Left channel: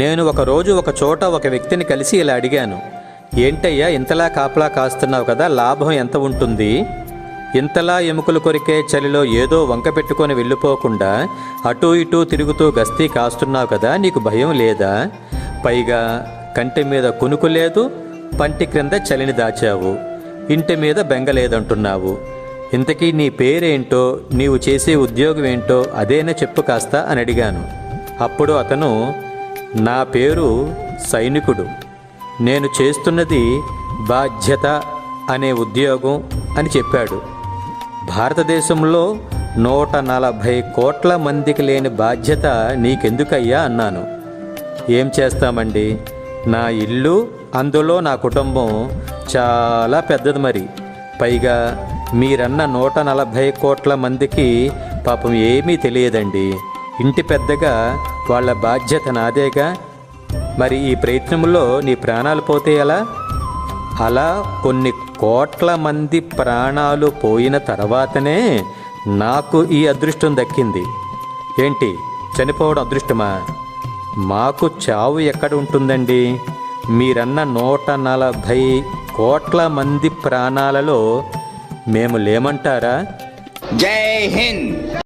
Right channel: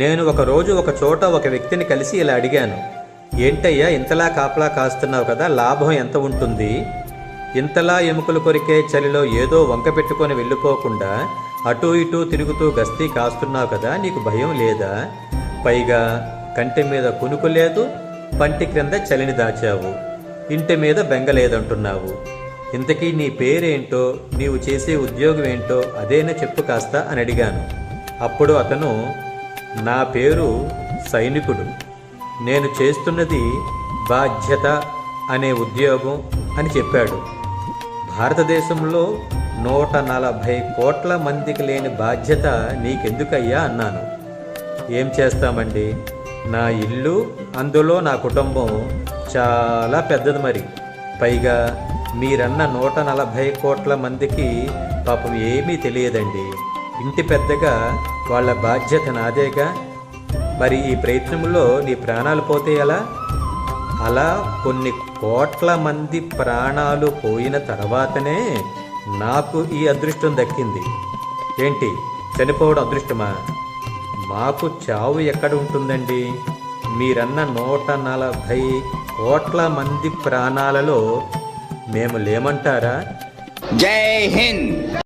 నేను ఒకరోజు ఒక చోట ఒక వ్యక్తిని కలిసి ఇలా అడిగాను. ఏంటయ్యా ఇంతలా కాపలా కాస్తున్నావు కదా, లాభం ఎంత ఉంటుంది? ఇంతలా ఎముకలు కొరికే చలిలో ఏదో వంక పెట్టుకొని వెళ్ళిపోకుండా అటూ ఇటూ తిరుగుతూ గస్తీ కాస్తున్నావు కదా, నీకు భయం లేదా? పైగా కంటి మీద కునుకు లేదు, పంటి క్రింద చలిని దాచావు, ఇంటి మీద బెంగ లేదంటున్నావు. ఇంతకీ నీ పేరేంటో, నీవు చేసే ఉద్యోగం ఏంటో అదేనా చెప్పు కాస్త అని అడిగాను. అప్పుడు అతను, నా పేరు సైనికుడు, నేను చేస్తున్నది బాధ్యత అనే ఉద్యోగం అని చెప్పాడు. భారతదేశంలో 140 కోట్ల మందికి లేని బాధ్యత నీకెందుకయ్యా అన్నాను. ఏం చేస్తామండి, నా ఇల్లు, అందులో నా కుటుంబం చాలా పెద్దది. మరి పైగా మీరన్న 140 కోట్ల మందికి పాపం ఏమీ తెలియదండి. ఇంటి పెద్దగా వాళ్ళ బాధ్యత నాదేగా. మరి ఈ ప్రయత్నంలో నీ ప్రాణాలు పోతే ఎలా? అలా కొన్ని కోట్ల మంది ప్రాణాలు పోయిన తర్వాతనే నాకు ఈ అదృష్టం దక్కింది. ఏంటి, చనిపోవడం అదృష్టమా? మాకు చావు ఎక్కడ ఉంటుందండి? మీరన్న 140 కోట్ల మంది ప్రాణాలలో మేము లేమంటారా? జై హింద్.